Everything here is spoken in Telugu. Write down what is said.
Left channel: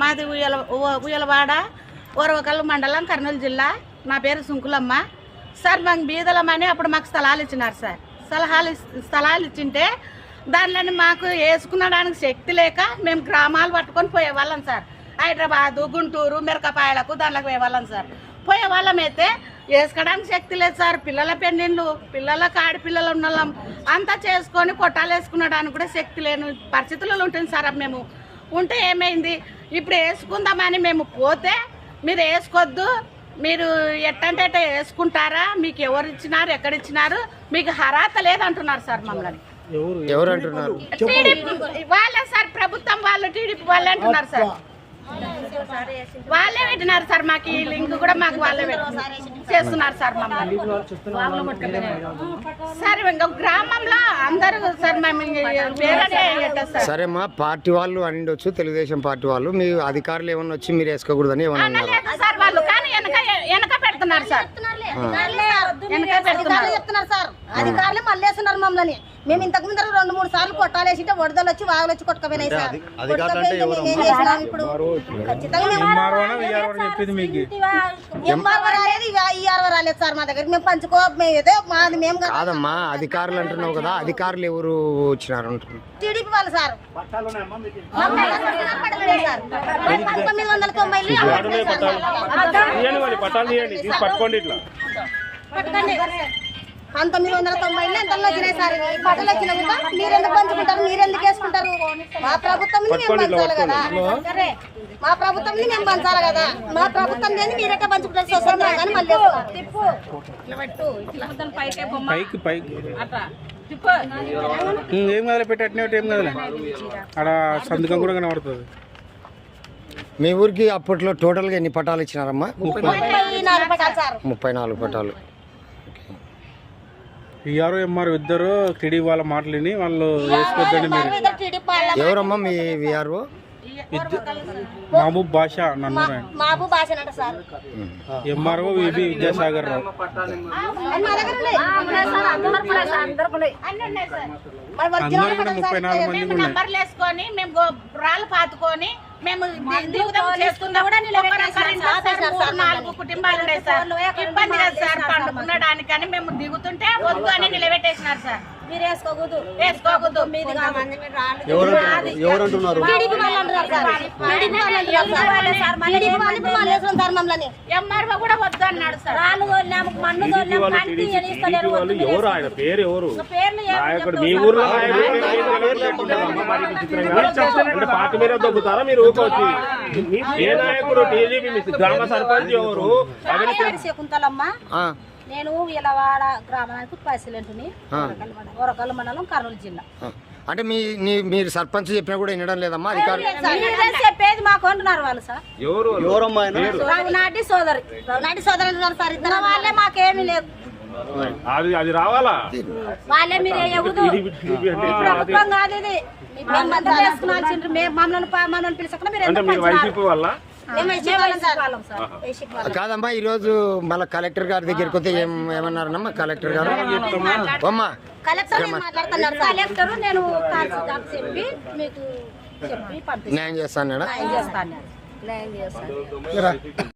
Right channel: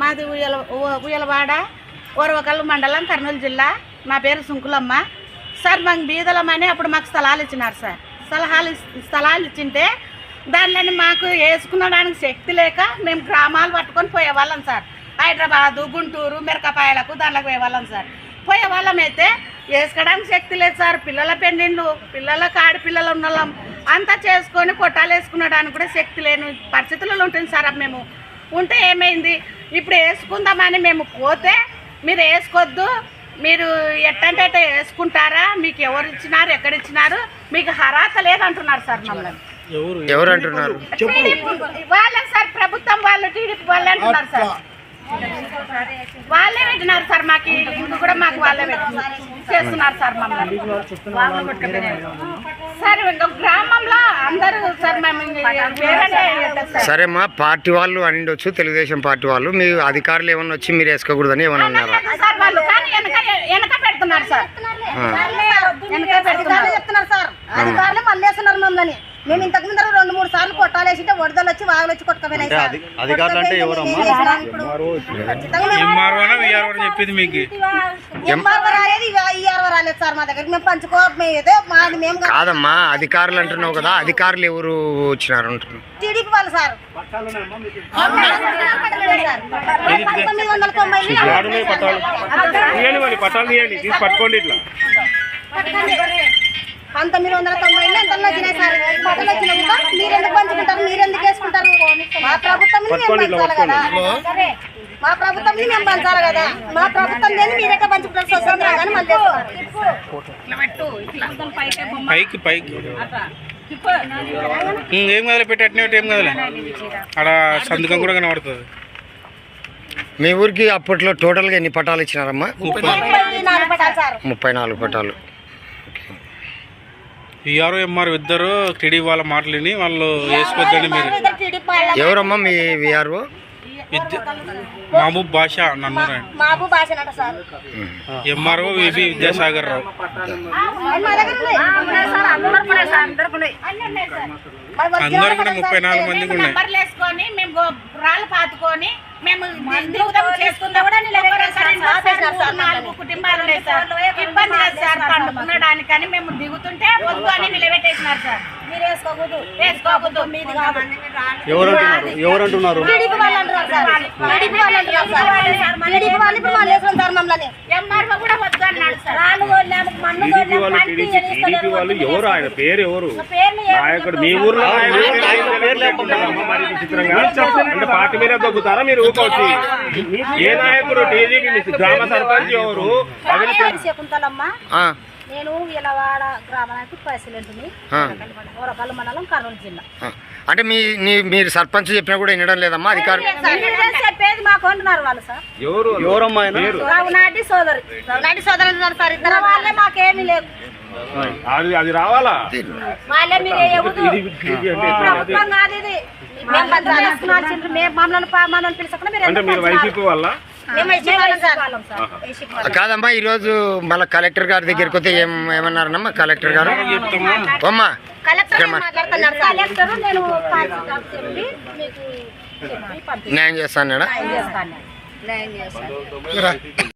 మాది ఉయ్యల ఉయ్యలవాడ ఓరవకల్లు మండలం కర్నూలు జిల్లా. నా పేరు సుంకులమ్మ. సార్ మాకు బీదలమని అప్పుడు మాకు స్థలాలు ఇచ్చినారు సార్. సలహాలు స్థలాలు ఇచ్చింటే దానిలోని మాకు వేసుకునడానికి శక్తి లేక మేము గ్రామాలు పట్టుకొని పోయేవాళ్ళం సార్. హైదరాబాదు గుంటూరు మిరకపాయలకు దాంట్లోకి పోయేవాళ్ళం సార్. పోయేవాళ్ళం అయితే వేసుకోవడానికి శక్తి లేదు సార్. పిల్లల పెళ్ళిళ్ళు పిల్లలకు ఆడపిల్లలు ఉన్న వాళ్ళం అంతా చేసుకొని కొట్టాలు వేసుకునడానికి కూడా శక్తి లేని పరిస్థితులలో ఉంటుంది సార్ మేము. ఉంటే ఏమైంది? ఇప్పుడు వేసుకుందామని మేము పోతే మీరు వేసుకోవద్దు మీరు ఎట్టంటే అట్ట వేసుకుంటారా? మీకు ఎవరు ఇచ్చినారు? ఎక్కడ ఇచ్చినారు? మీకు హరాత లేదంటున్నారు సార్ మమ్మల్ని. ఎవరు? అంటున్నారు? టీడీపీ వాళ్ళే సార్ ప్రభుత్వం వాళ్ళు టీడీపీ వాళ్ళే అంటున్నారు సార్. వాళ్ళే పెట్టినారు సార్ మాకు ఈ లింక్ కూడా మాకు వాళ్ళే పెట్టినారు. చేస్తున్నారు సార్ మమ్మల్ని. సార్ ఇంకా గ్రామంలో అందరూ సార్ మేము సరేమ్మా పార్టీ వాళ్ళు అనిండొచ్చు తెలుగుదేశం పార్టీ వాళ్ళు. మీ అధికారులు ఏమన్నా వచ్చి మీరు వేసుకోకూడదని ఏమన్నా అన్నారా? సార్ వాళ్ళు కానీ వెనక వెనక పెడుతున్నారు సార్. వెనక పెడుతున్నారు. చెప్తున్నారు సార్. అధికారులు మళ్ళేస్తున్నారు మమ్మల్ని. మేము ఇంతకు ముందర రెండు మూడు సార్లు కొట్టాలేసింటే వరదలు వచ్చి వాగులు వచ్చి కొట్టుకుపోయినాయి సార్. రాలేదు సార్ మా దగ్గర మేము పంచుకో మేము ఏదో మాది మేము కాదు. కాదమ్మా అధికారులు అంటున్నావు కదా అధికారులు ఎవరు వచ్చినారు అంటున్నావు? టీడీపీ వాళ్ళు సార్. సార్. పంతొమ్మిది వందల తొంభై పట్టాలు పట్టుకోండి ఇట్లా. పంతొమ్మిది వందల తొంభై ఎంతలో వచ్చినాయి సార్? పదలు మీరు ఎందుకు పంచుకుంటారు? మీరు ఎందుకు వేసుకుంటారు మా ప్రభుత్వం మేము పంచాలి కదా. మా ప్రభుత్వం మేము పంచాలి కదా. మా ప్రభుత్వం లేని మీరు ఎట్లా పంచుకుంటారు? స్వతంత్రం కానీ మళ్ళీ పైకి పైకి ఏం కదలే? పెట్టి అట్నే ఏం కదలే? అక్కడ సంతకం కూడా కనబడుతుంది. మీ ఊరికి అప్పట్లో టోటల్గా ఎన్ని పటాలు ఇచ్చినారమ్మా? ముప్పై నాలుగు పటాలు. విఆర్ఓ ఎంఆర్ ఇద్దరు టీడీ వాళ్ళ మాటలు విని వాళ్ళు వేసుకోవద్దని మీరు. ఎవరమ్మా మీ విఆర్ఓ మహబూబ్ భాష నన్నూరు ఆయన Mabu భాషనట sir. MRO VB Vidyasagar Rao. అందరు కూడా ముప్పై నాలుగు మంది ఉన్నాయి. నంబర్లు వేసుకొని మేము గో- రాళ్ళు పాతుకొని మేము దిగుదాం చేసుకుందాం. కూడా మూడు నాలుగు కుటుంబాలు ఉన్నాయి సార్. ఇబ్బంది లేదు సార్ పండుకునడానికని మేము దిగుతుంటే వద్దు అని నిలబెట్టేసినారు సార్. మీరు వేసుకోకూడదు. వేసుకోకూడదు. మీది కాదు. ఎవరు అంటున్నారు? ఎవరు అంటున్నారు? టీడీపీ వాళ్ళు అంటున్నారు సార్. టీడీపీ వాళ్ళు అంటున్నారు సార్. టీడీపీ వాళ్ళు ఇప్పుడు మళ్ళీ వేసుకుని సార్ మమ్మల్ని ఎంఆర్ఓ కూడా వద్దు అన్నాడు సార్. రాళ్ళు తోలినాము మన్ను తోలినాము కంటి ఎనిస్తలేరు వాళ్ళు ఎవరు? ఆయన పేరు ఎవరు? పేర్లు ఏం నాయకుడు మీ ఊర్లో అంటే పార్టీ మీద దొబ్బుతారా మీరు ఏ నాయకుడు టీడీపీ మీ గ్రామ సర్పంచ్ ఎవరు? శకుంతలమ్మ ఆ, నేను ఇలవాడ గ్రామానికి ప్రెసిడెంట్ని. ఆ, ఓరకల్లు మండలం కర్నూలు జిల్లా. అంటే మీ మీరు సర్పంచ్ చెప్పినా కూడా వినడం లేదమ్మా అధికారులు వీళ్ళే చెప్పేది మాకు అంటున్నారు వాళ్ళు సార్. నాటి సోదరి. నాటి సోదరు అంటున్నారు సార్ ఇద్దరు వాళ్ళే మాకేమీ లేదు అది అది రావాలా? వాళ్ళే మీరు ప్రభుత్వం కాదు ఇది. మమ్మల్ని పా- మమ్మల్ని పిలుచుకున్నా మీరు వైసీపీ వాళ్ళ? కాదమ్మా ఈరోజు మళ్ళీ కలెక్టర్ గారి దగ్గరికి వస్తే ఏం ఏమన్నారమ్మా కలెక్టర్ గారు? అమ్మా న్యాయం చేస్తాను.